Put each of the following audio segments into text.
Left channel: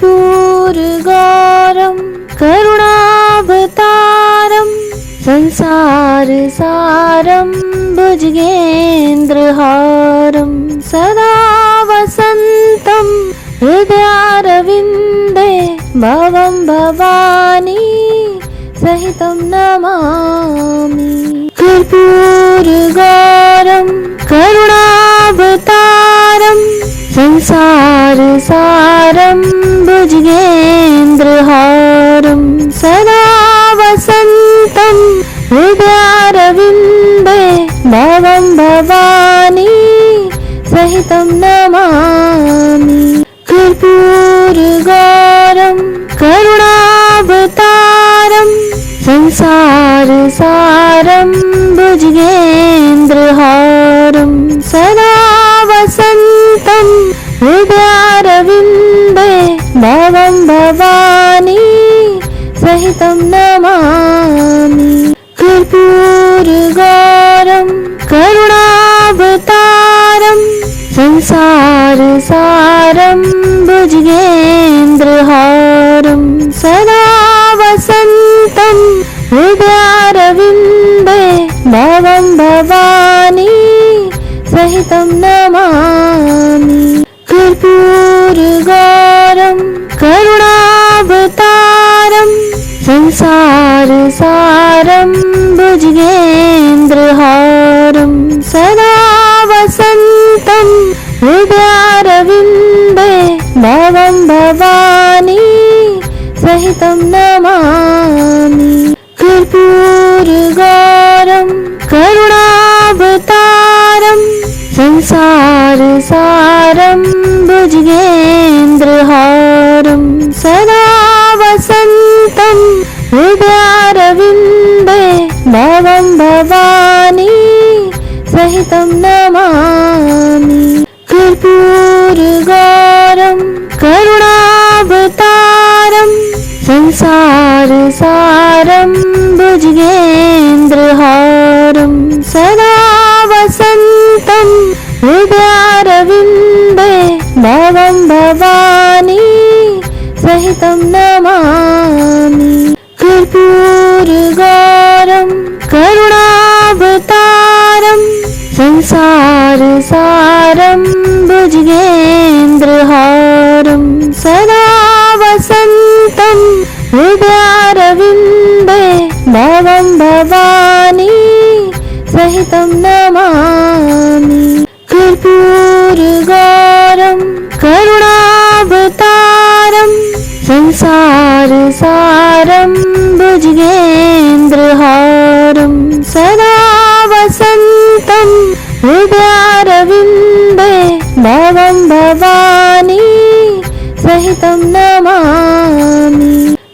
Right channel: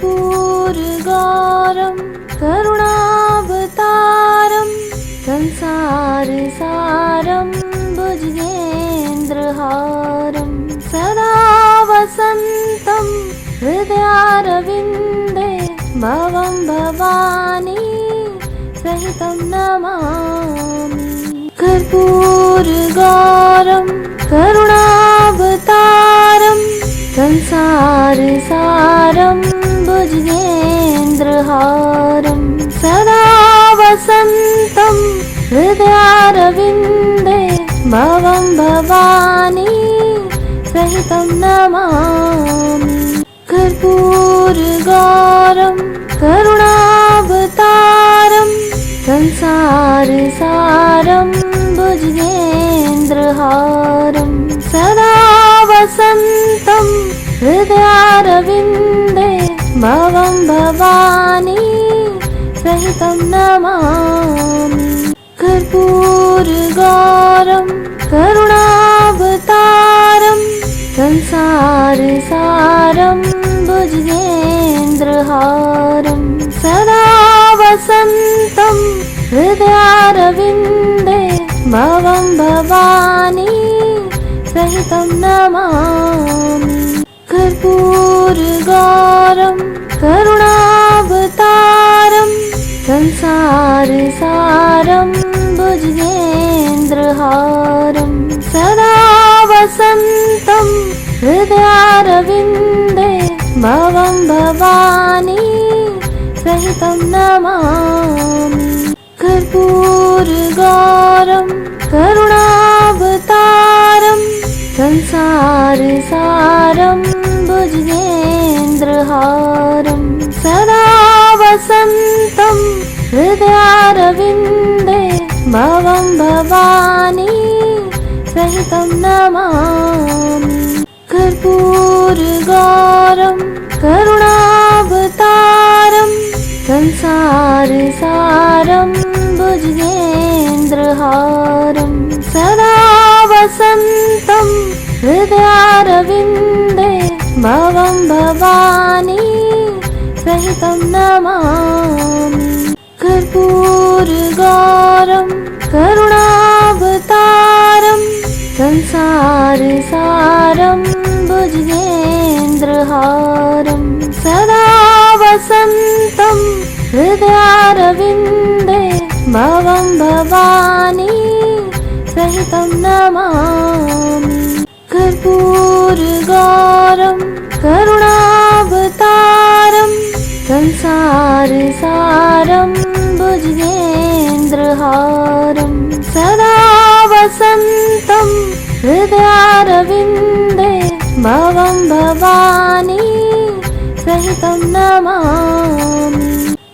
कर्पूरगारं करुणावतारं संसारसारं भुजगेन्द्रहारं सदा वसन्तं हृदयारविन्दे भवं भवानी सहितं नमामि। कर्पूरगारं करुणावतारं संसारसारं भुजगेन्द्रहारं सदा वसन्तं हृदयारविन्दे भवं भवानी सहितं नमामि। कर्पूरगारं करुणावतारं संसारसारं भुजगेन्द्रहारं सदा वसन्तं हृदयारविन्दे भवं भवानी सहितं नमामि। कर्पूरगारं करुणावतारं संसारसारं भुजगेन्द्रहारं सदा वसन्तं हृदयारविन्दे भवं भवानी सहितं नमामि। कर्पूरगारं करुणावतारं संसारसारं भुजगेन्द्रहारं सदा वसन्तं हृदयारविन्दे भवं भवानी सहितं नमामि। कर्पूरगारं करुणावतारं संसारसारं भुजगेन्द्रहारं सदा वसन्तं हृदयारविन्दे भवं भवानी सहितं नमामि। कर्पूरगारं करुणावतारं संसारसारं भुजगेन्द्रहारं सदा वसन्तं हृदयारविन्दे भवं भवानी सहितं नमामि। कर्पूरगारं करुणावतारं संसारसारं भुजगेन्द्रहारं सदा वसन्तं हृदयारविन्दे भवं भवानी सहितं नमामि। कर्पूरगारं करुणावतारं संसारसारं भुजगेन्द्रहारं सदा वसन्तं हृदयारविन्दे भवं भवानी सहितं नमामि।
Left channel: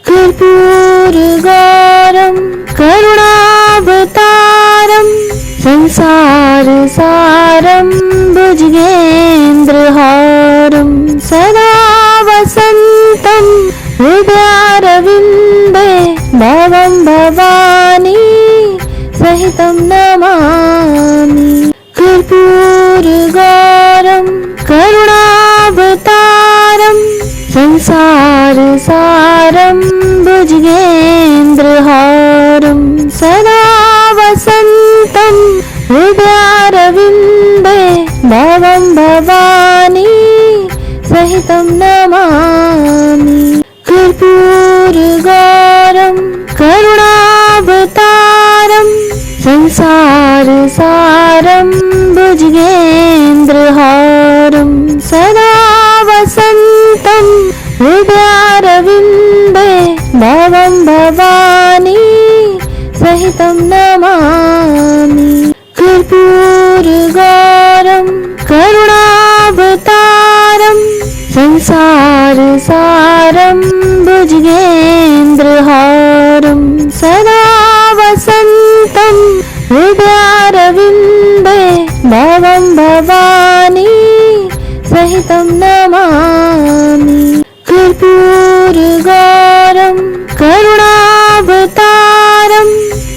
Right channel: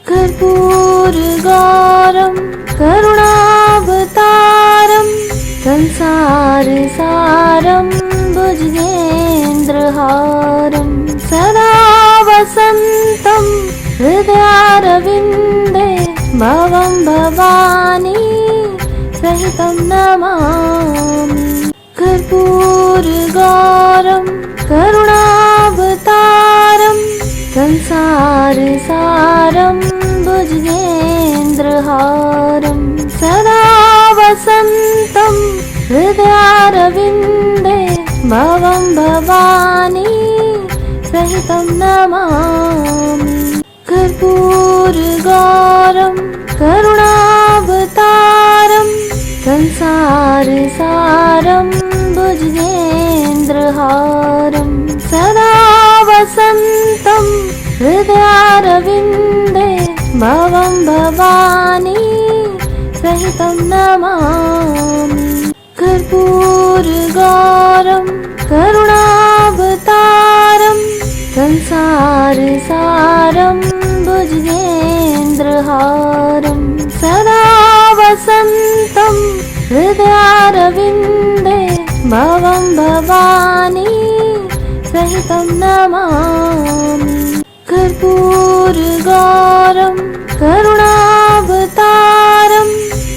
कर्पूरगारं करुणावतारं संसारसारं भुजगेन्द्रहारं सदा वसन्तं हृदयारविन्दे भवं भवानी सहितं नमामि। कर्पूरगारं करुणावतारं संसारसारं भुजगेन्द्रहारं सदा वसन्तं हृदयारविन्दे भवं भवानी सहितं नमामि। कर्पूरगारं करुणावतारं संसारसारं भुजगेन्द्रहारं सदा वसन्तं हृदयारविन्दे भवं भवानी सहितं नमामि। कर्पूरगारं करुणावतारं संसारसारं भुजगेन्द्रहारं सदा वसन्तं हृदयारविन्दे भवं भवानी सहितं नमामि। कर्पूरगारं करुणावतारं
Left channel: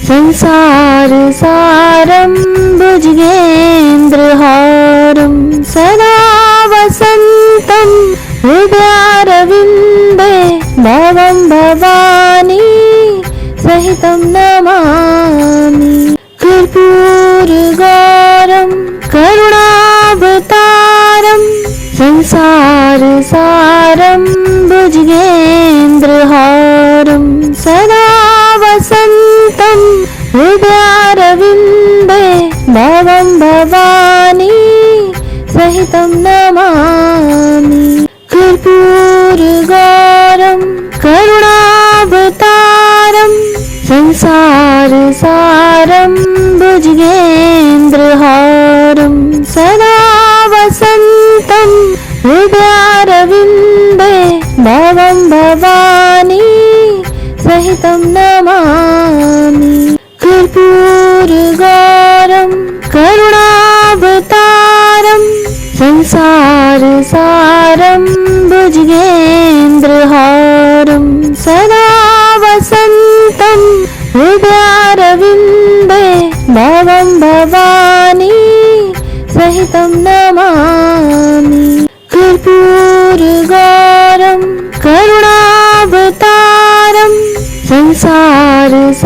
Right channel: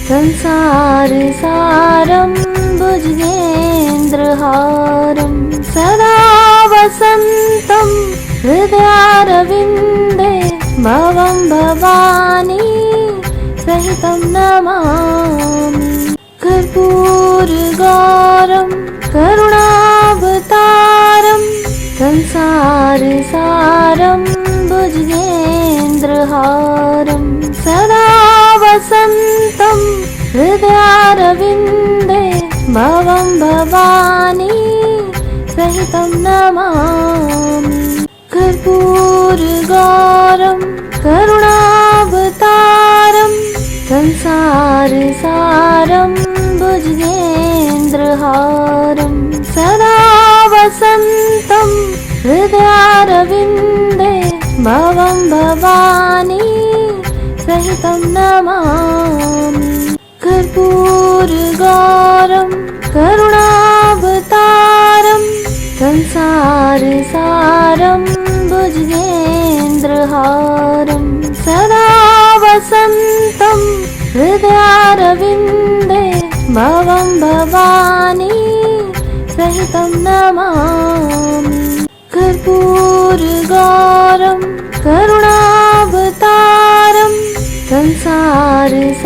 संसारसारं भुजगेन्द्रहारं सदा वसन्तं हृदयारविन्दे भवं भवानी सहितं नमामि कर्पूरगौरं करुणावतारं संसारसारं भुजगेन्द्रहारं सदा वसन्तं हृदयारविन्दे भवं भवानी सहितं नमामि कर्पूरगौरं करुणावतारं संसारसारं भुजगेन्द्रहारं सदा वसन्तं हृदयारविन्दे भवं भवानी सहितं नमामि कर्पूरगौरं करुणावतारं संसारसारं भुजगेन्द्रहारं सदा वसन्तं हृदयारविन्दे भवं भवानी सहितं नमामि कर्पूरगौरं करुणावतारं संसारसारं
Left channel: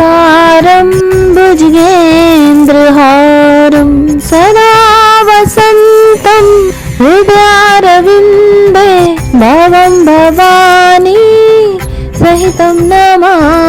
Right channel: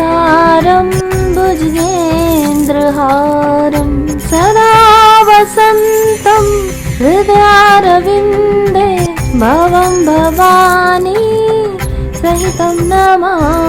भुजगेन्द्रहारं सदा वसन्तं हृदयारविन्दे भवं भवानी सहितं नमामि